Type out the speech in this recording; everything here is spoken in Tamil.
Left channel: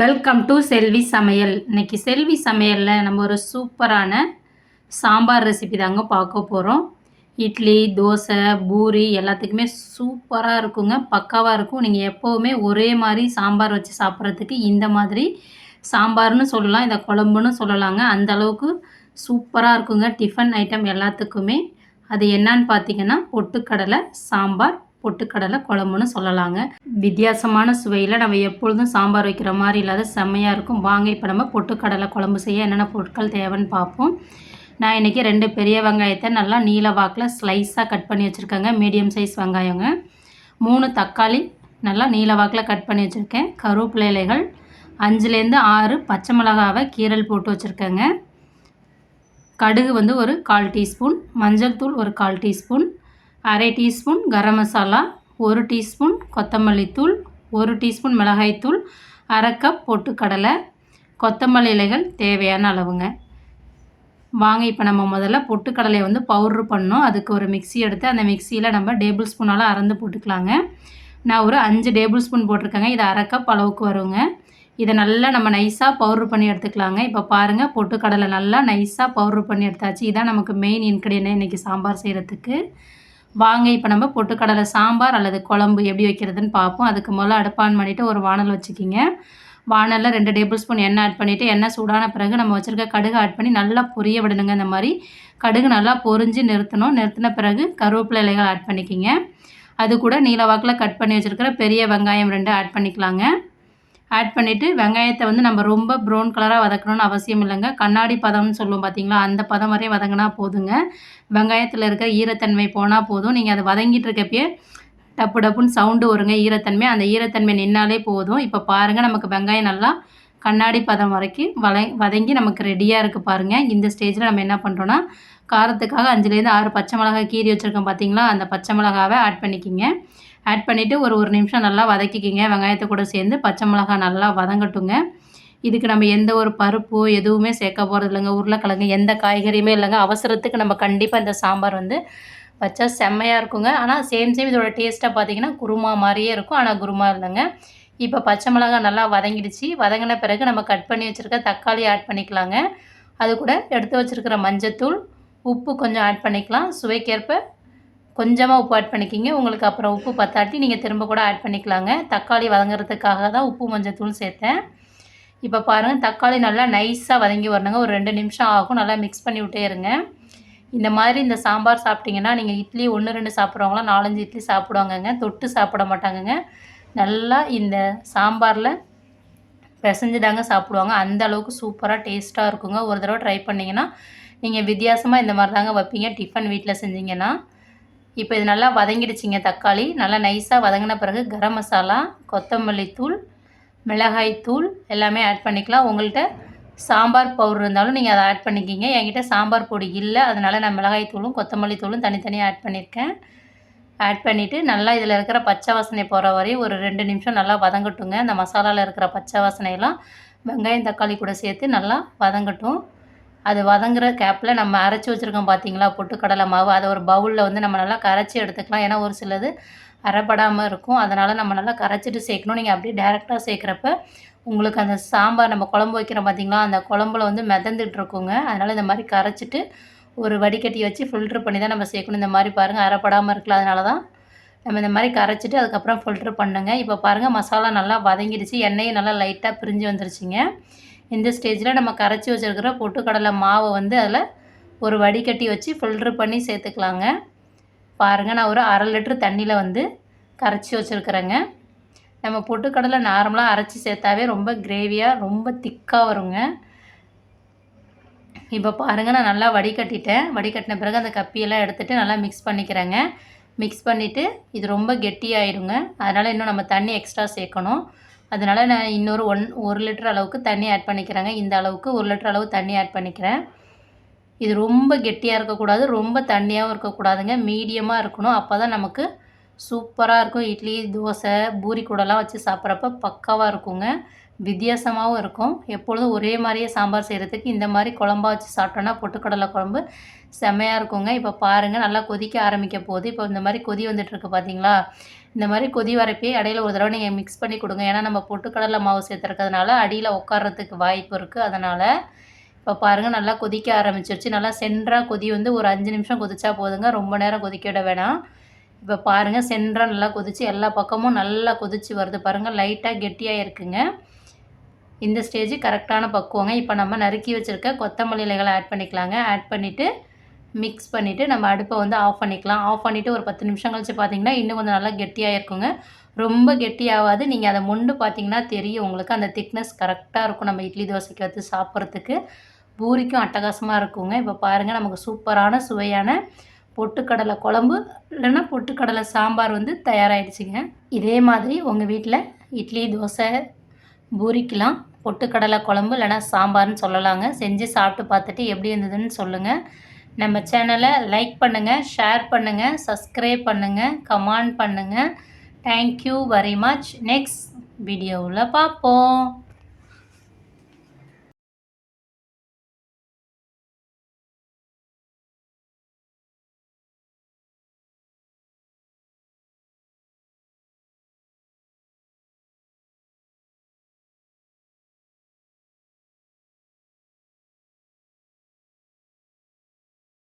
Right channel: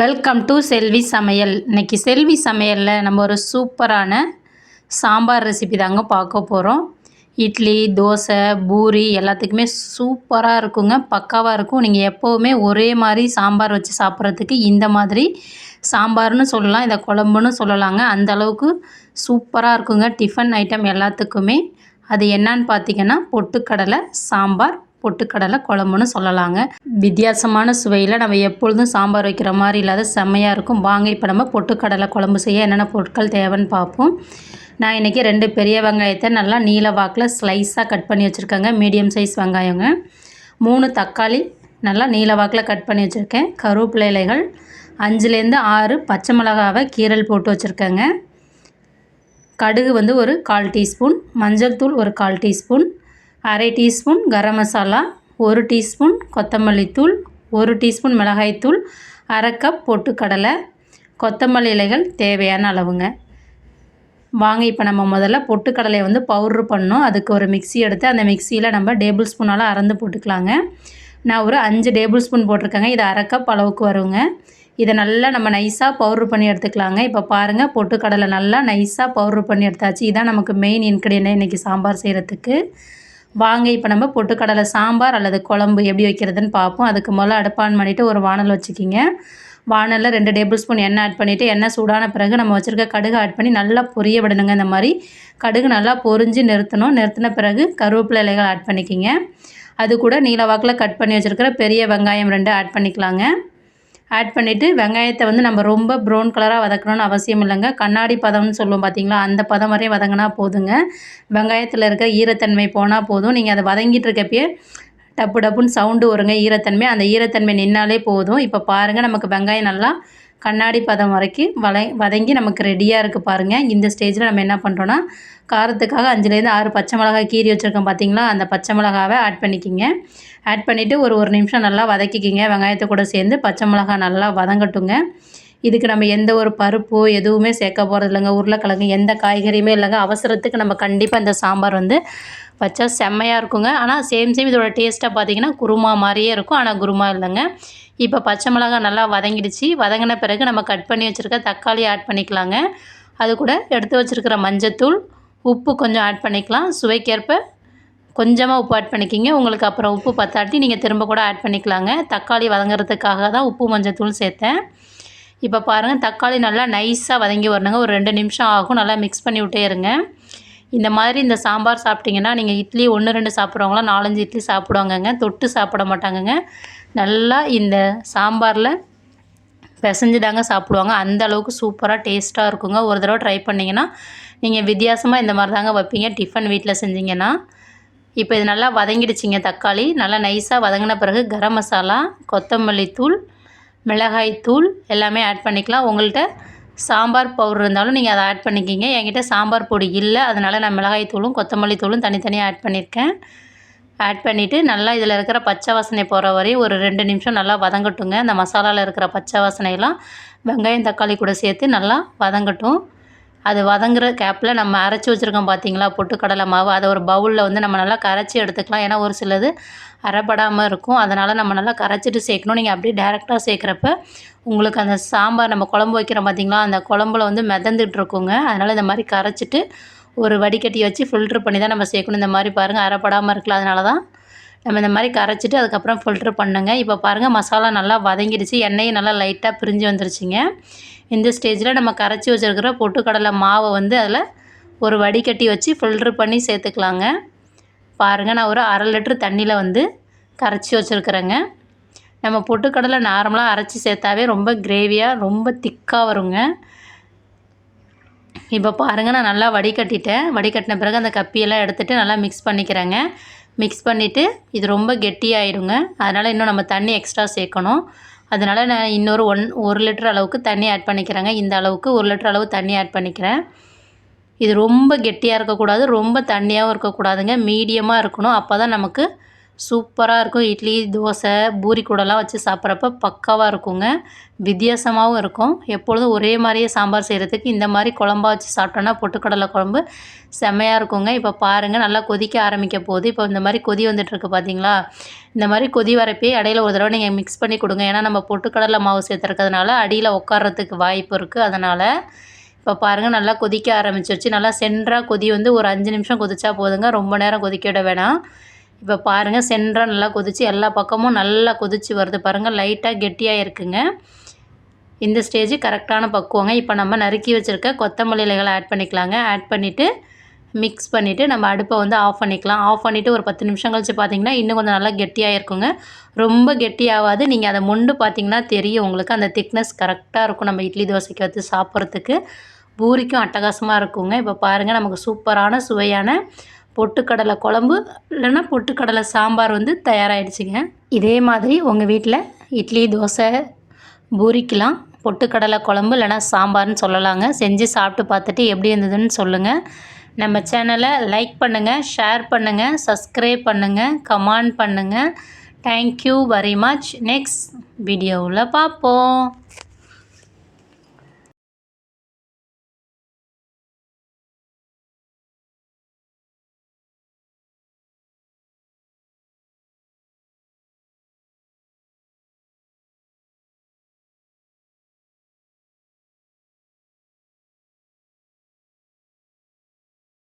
வெல்கம் டு செல்வி சமையல். இன்றைக்கி செல்வி சமையலில் நம்ம ஒரு சூப்பரான சாம்பார் ரெசிபி தாங்க பார்க்க போகிறோம். இட்லி, தோசை, பூரி எல்லாத்துக்குமே சூப்பராக இருக்குங்க. பக்காவாக இருக்கும். நீங்கள் எப்போவுமே ஒரே மாதிரி சாம்பார் வச்சு சாப்பிட்றதுக்கு இந்த மாதிரி சாம்பார்னு சொல்லலாம், இதை குழம்புன்னு சொல்லலாங்க. அந்த அளவுக்கு சூப்பராக இருக்குங்க டிஃபன் ஐட்டம் எல்லாத்துக்குமே. அது என்னன்னு பார்த்தீங்கன்னா பொட்டுக்கடலை சாம்பார், பொட்டுக்கடலை குழம்புன்னு சொல்லலாங்க. வித்தியாசமான சுவையில் நம்ம எப்பொழுதும் சாம்பார் வைக்கிற மாதிரி இல்லாத செம்மையாக இருக்கும். வாங்க இப்போ நம்ம பொட்டுக்கடலை குழம்பு செய்ய என்னென்ன பொருட்கள் தேவைன்னு பார்ப்போம். நான் இன்றைக்கி 2 பெரிய வெங்காயத்தை நல்லா நீல வாக்கில் ஸ்லைஸாக கட் பண்ணி வச்சுருக்கேங்க. Medium size வெங்காயங்க. 3 தக்காளி நல்லா நீல வாக்கில் கட் பண்ணி வச்சுருக்கேன். கருவேப்பிலை இலைகள் 5லேருந்து 6 பச்சை மிளகாவை கீரல் போட்டு வச்சுருக்கேங்க. கடுகு வந்து ஒரு 1/4 டீஸ்பூன், மஞ்சள் தூள் ஒரு 1/4 teaspoon, 1/2 teaspoon garam masala, 1 teaspoon கொத்தமல்லி தூள், 1 டீஸ்பூன் மிளகாய்த்தூள், 1/2 கப் பொட்டுக்கடலை, கொத்தமல்லி இலைகள் தேவையான அளவுங்க. வாங்க இப்போ நம்ம முதல்ல பொட்டுக்கடலையை வந்து பவுட்ரு பண்ணோம். அதுக்கு ஒரு மிக்ஸி எடுத்து அந்த மிக்ஸியில் நம்ம டேபிள் ஸ்பூனால் அறந்து போட்டுக்கலாங்க. நான் ஒரு 5 டேபிள் ஸ்பூன் போட்டிருக்கேங்க. இது 1/2 கப் அளவுக்கு வருங்க. இதை நல்லா நம்ம நைஸாக பவுட்ரு பண்ணி எடுத்துக்கலாங்க. இப்போ பாருங்கள், பொட்டுக்கடலை நல்லா நைஸாக பவுட்ரு பண்ணி எடுத்தாச்சு. இதான் நமக்கு மெயின் இன்க்ரீடியன்ட் இன்றைக்கி சாம்பார் செய்கிறதுக்கு. வாங்க இப்போ நம்ம பொட்டுக்கடலை சாம்பார் அல்லது குழம்பு எப்படி வைக்கிறதுன்னு பார்ப்போம். அதுக்கு முதல்ல அடுப்பு ஆன் பண்ணிவிட்டு ஒரு வானல் வச்சுக்கிங்க. வானலில் 2 டேபிள் ஸ்பூன் எண்ணெய் ஆட் பண்ணிவிட்டு எண்ணெய் சூடான பிறகு நம்ம வச்சுருக்க கடுகு ஆட் பண்ணி நல்லா பொரிய விடணுங்க. இந்த மாதிரி கடுகு நல்லா பொரிஞ்சு நிறுத்தின பிறகு கருவேப்பிலை இலைகள் ஆட் பண்ணிக்கிங்க. அது கூட நீல வாக்கில் கட் பண்ணி வச்சுருக்கிற பெரிய வெங்காயம் 2 ஆட் பண்ணிக்கலாங்க. ஆட் பண்ணிவிட்டு வெங்காயத்தை வந்து நம்ம ரொம்ப ப்ரௌன் கலராக வதக்கணும்னு அவசியம் இல்லைங்க. கண்ணாடி பதம்னு சொல்லுவோம் பார்த்தீங்களா, அந்த பதம் வரையும் வதங்கினா போதுங்க. வெங்காயத்தில் இருக்க ஈரத்தன்மை போனால் போதும். நீங்கள் அதை வதங்கிட்டு இருக்கப்பயே டப்பு டப்புன்னு சவுண்டு வருங்க ஈரத்தன்மை. அந்த ஈரத்தன்மை நின்னாலே போதும். இப்போ பாருங்கள், நமக்கு வெங்காயம் நல்லா கண்ணாடி பதம் வரைக்கும் வதங்கி நமக்கு ரெடியாக இருக்குது பாருங்கள். இந்த ஸ்டேஜில் நம்ம என்ன பண்ணுறோன்னா, காரத்துக்காக 5லேருந்து 6 பச்சை மிளகாய் கீறி வச்சுருக்கோம் பார்த்தீங்களா, அந்த பச்சை மிளகாவை ஆட் பண்ணிக்கிங்க. ஆட் பண்ணிவிட்டு ஒரு நிமிஷம் நல்லா வதக்கிக்கிங்க. வெங்காயத்தை கூட சேர்ந்து பச்சை மிளகாய் நல்லா வதங்கட்டுங்க. இதுக்கு நம்ம எந்த ஒரு பருப்போ எதுவுமே சேர்க்க போகிறது இல்லைங்க. உருளைக்கிழங்கு எந்த காய்கறியுமே இல்லைங்க. அவசரத்துக்கு நம்ம கண்டிப்பாக இந்த சாம்பார் வந்து வச்சா செம்மையாக இருக்குங்க. ஆனால் சேம் இதோட டேஸ்ட்டாக பார்த்தீங்கன்னா குருமா மாதிரியே இருக்கும். ஆனால் குருமா இல்லைங்க. இப்போ பச்சை மிளகாய் நல்லா வதங்கிடுச்சு. வதங்கின பிறகு நம்ம கட் பண்ணி வச்சுருக்க தக்காளி ஆட் பண்ணிக்கலாங்க. அது கூட எடுத்து வச்சுருக்கிற மஞ்சத்தூள், உப்பு கொஞ்சம் ஆட் பண்ணிக்கலாம். சுவைக்கேற்ப கொஞ்சமாக உப்பு ஆட் பண்ணிக்கிங்க. உங்களுக்கு அப்புறம் உப்பு பத்தாட்டி நீங்கள் திரும்ப கூட ஆட் பண்ணிக்கலாங்க. தக்காளி வதங்குறதுக்காக தான் உப்பு மஞ்சத்தூள் சேர்த்தேன். இப்போ பாருங்கள், தக்காளி நல்லா நைஸாக வதங்கி வரணுங்க. ஒரு 2 நிமிஷம் ஆகும். நல்லா மிக்ஸ் பண்ணி விட்டே இருங்க. இந்த மாதிரி இந்த சாம்பார் சாப்பிட்டிங்கன்னா நீங்கள் இட்லி 1, 2 சாப்பிட்றவங்களாம் 4, 5 இட்லி சாப்பிடுவாங்கங்க. தொட்டு சாப்பிட மாட்டாங்கங்க. நல்லா இந்த சாம்பாரில் பிசைஞ்சு தாங்க சாப்பிடுவாங்க. அந்த அளவுக்கு சூப்பராக டேஸ்ட்டாக இருக்குங்க. ஒரு தடவை ட்ரை பண்ணிங்கன்னா நீங்கள் வித்தியாசமாக இந்த மாதிரி தாங்க வைப்பீங்க டிஃபன் வீட்டில் செஞ்சிங்கன்னா. இப்போ இது நல்லா வதங்கிடுச்சிங்க. தக்காளி நல்லா நைஸாக வதங்கின பிறகு கரம் மசாலா, கொத்தமல்லி தூள், மிளகாய் தூள் எல்லாமே ஆட் பண்ணிக்கலாம். உங்கள்கிட்ட சாம்பார் பவுடர் இருந்தாலும் நீங்கள் அதை ஆட் பண்ணிக்கிங்க. என்கிட்ட சாம்பார் பொடி இல்லை, அதனால் நான் மிளகாய் தூளும் கொத்தமல்லி தூளும் தனித்தனியாக ஆட் பண்ணியிருக்கேன். ஆட் பண்ணிவிட்டு நல்லா இதில் இருக்கிற பச்சை வாசனை போகிற வரையும் ஒரு 2 நிமிஷம் நல்லா வதங்கட்டுங்க. இந்த மசாலாவில் இருக்கிற பச்சை வாசனையெல்லாம் வெங்காயம் தக்காளி கூட சேர்த்து நல்லா வதங்கட்டும். அது வதங்குற கேப்பில் நம்ம அரைச்சி வச்சுருக்கோம் பார்த்தீங்களா பொட்டுக்கடலை மாவு, அதை ஒரு பவுலில் வந்து நம்ம நல்லா கரைச்சி எடுத்துக்கலாம். ஏன்னா ஒரு சிலது அரைப்படாமல் இருக்கும். அதனால் நம்ம நல்லா கரைச்சிட்டு சேர்க்கணும். நீங்கள் அப்படியே டேரெக்டாக சேர்க்குறப்ப உங்களுக்கு அந்த சாம்பார் நம்ம குழம்பு வைக்கிறோம் பார்த்தீங்களா, அந்த குழம்புல வந்து மிதந்துட்டு இருக்குங்க. அதனால் இந்த மாதிரி கரைச்சிட்டு ஒரு வடிகட்டி வச்சு ஃபில்ட்ரு பண்ணி தான் நம்ம சேர்க்கணும். இந்த மாதிரி பாருங்கள், அரைப்படாமல் இருக்குல்ல, அதனால தான் நம்ம இந்த மாதிரி கரைச்சிட்டு அதுக்கப்புறம் ஃபில்ட்ரு பண்ணுங்க. இப்போ பாருங்கள், மசாலா நல்லா வதங்கிடுச்சு. எண்ணெயும் நல்லா லைட்டாக பிரிஞ்சு வந்துருச்சுங்க. இந்த ஸ்டேஜில் நம்ம கரைச்சி வச்சுருக்கிற பொட்டுக்கடலை மாவை வந்து அதில் ஒரு வடிகட்டி வச்சு ஃபில்ட்ரு பண்ணி சேர்த்துக்கலாங்க. பாருங்கள், நான் ஒரு 1/2 லிட்டரு தண்ணியில் வந்து கரைச்சி வச்சுருக்குறேங்க. நம்ம பொட்டுக்கடலை நார்மலாக அரைச்சி சேர்த்தாவே ரொம்ப கிரேவியாக ரொம்ப திக்காக வருங்க. இப்போ பாருங்கள், நான் நல்லா வடிகட்டிட்டேன். வடிகட்டின பிறகு அந்த கப்பியெல்லாம் எடுத்துகிட்டு நல்லா மிக்ஸ் பண்ணிக்கிறேங்க. மிக்ஸ் பண்ணிவிட்டு இது ரொம்ப கெட்டியாகிடுங்க. அதனால் இன்னும் நம்ம தண்ணி எக்ஸ்ட்ரா சேர்க்கணும். அதனால் நான் இன்னொரு 1 லிட்டர் அளவுக்கு தண்ணி ஆட் பண்ணிக்கிறேங்க. இந்த அளவுக்கு 1 லிட்டர் அளவு தண்ணி ஆட் பண்ணிக்கிறேன். இது ரொம்ப கெட்டியாக இருக்கக்கூடாது, ரொம்ப தண்ணியாகவும் இருக்கக்கூடாதுங்க. மீடியமாக இருக்கணும். அப்போ தான் நமக்கு சூப்பராக இருக்கும். இட்லி, தோசை, பூரி கூடலாம் வச்சு சாப்பிட்றப்ப பக்காவாக இருக்குங்க. வித்தியாசமாகவும் இருக்கும். எப்பொழுதும் ஒரே மாதிரியே சாம்பார் செய்கிறதுக்கு இந்த மாதிரி குழம்பா வச்சு சாப்பிட்டோன்னா பொட்டுக்கடலை குழம்பு செம்மையாக இருக்குங்க. இப்போ பாருங்கள் நல்லா கொதிக்க ஆரம்பிக்க போகுது. இப்போ இந்த மாதிரி கொதி வந்துட்டுருக்கு பார்த்தீங்களா? இந்த மாதிரி கொதி வரப்பே இடையில ஒரு தடவை நீங்கள் மிக்ஸ் பண்ணி கொடுங்க. ஏன்னா நம்ம பொட்டுக்கடலை மாவு சேர்த்துருக்கிறதுனால அடியில் உட்கார்றதுக்கு வாய்ப்பு இருக்குது. அதனால் இப்போ பாருங்கள் நல்லா கொதிக்க ஆரம்பிச்சிருச்சு. நல்லா சென்றாக கொதி வந்து ஒரு 5 நிமிஷம் கொதிச்சா போதுங்க. ரொம்ப நேரம் கொதிக்க விட வேணாம். இப்போ பாருங்கள் சென்றாக நல்லா கொதிச்சு எல்லா பக்கமும் நல்லா கொதிச்சு வருது பாருங்கள். லைட்டாக கெட்டியாக இருக்குங்க. இந்த ஸ்டேஜ் கரெக்டான பக்குவங்க. இப்போ நம்ம நறுக்கி வச்சுருக்க கொத்தமல்லி இலைகளை ஆட் பண்ணிக்கலாங்க. ஆட் பண்ணிவிட்டு மிக்ஸ் பண்ணிவிட்டு நம்ம அடுப்பை வந்து ஆஃப் பண்ணிக்கலாம். ஆஃப் பண்ணிவிட்டு ஒரு 10 நிமிஷம் கழிச்சு பார்த்திங்கன்னா இன்னும் கொஞ்சம் நல்லா கெட்டியாக இருக்குங்க. ரொம்ப கெட்டியாகாது. நீங்கள் அதை மொண்டு பார்த்திங்கன்னா தெரியும் உங்களுக்கு. அந்த திக்னஸ் கரெக்டாக இருக்கும் நம்ம இட்லி தோசைக்கு வச்சு சாப்பிட்றதுக்கு. பூரிக்கும் அட்டகாசமாக இருக்குங்க. இப்போ பாருங்கள் நமக்கு சூப்பரான சுவையான பொட்டுக்கடலை குழம்பு இல்லைன்னா பொட்டுக்கடலை சாம்பார் வந்து தயாராகிடுச்சிங்க. இதே மாதிரி உங்கள் வீட்டில் இட்லி, தோசை, பூரிக்கெலாம் பொட்டுக்கடலை குழம்பு இல்லைனா சாம்பார்னு சொல்லலாங்க. செஞ்சு சாப்பிட்டு பார்த்துட்டு எப்படி இருந்ததுன்னு சொல்லுங்கள். நம்ம சேனலை லைக் பண்ணுங்கள், ஷேர் பண்ணுங்கள், சப்ஸ்கிரைப் பண்ணுங்கள், கமெண்ட் பண்ணுங்கள். Thank you very much. நெக்ஸ்ட் வீடியோவில் பார்ப்போம்.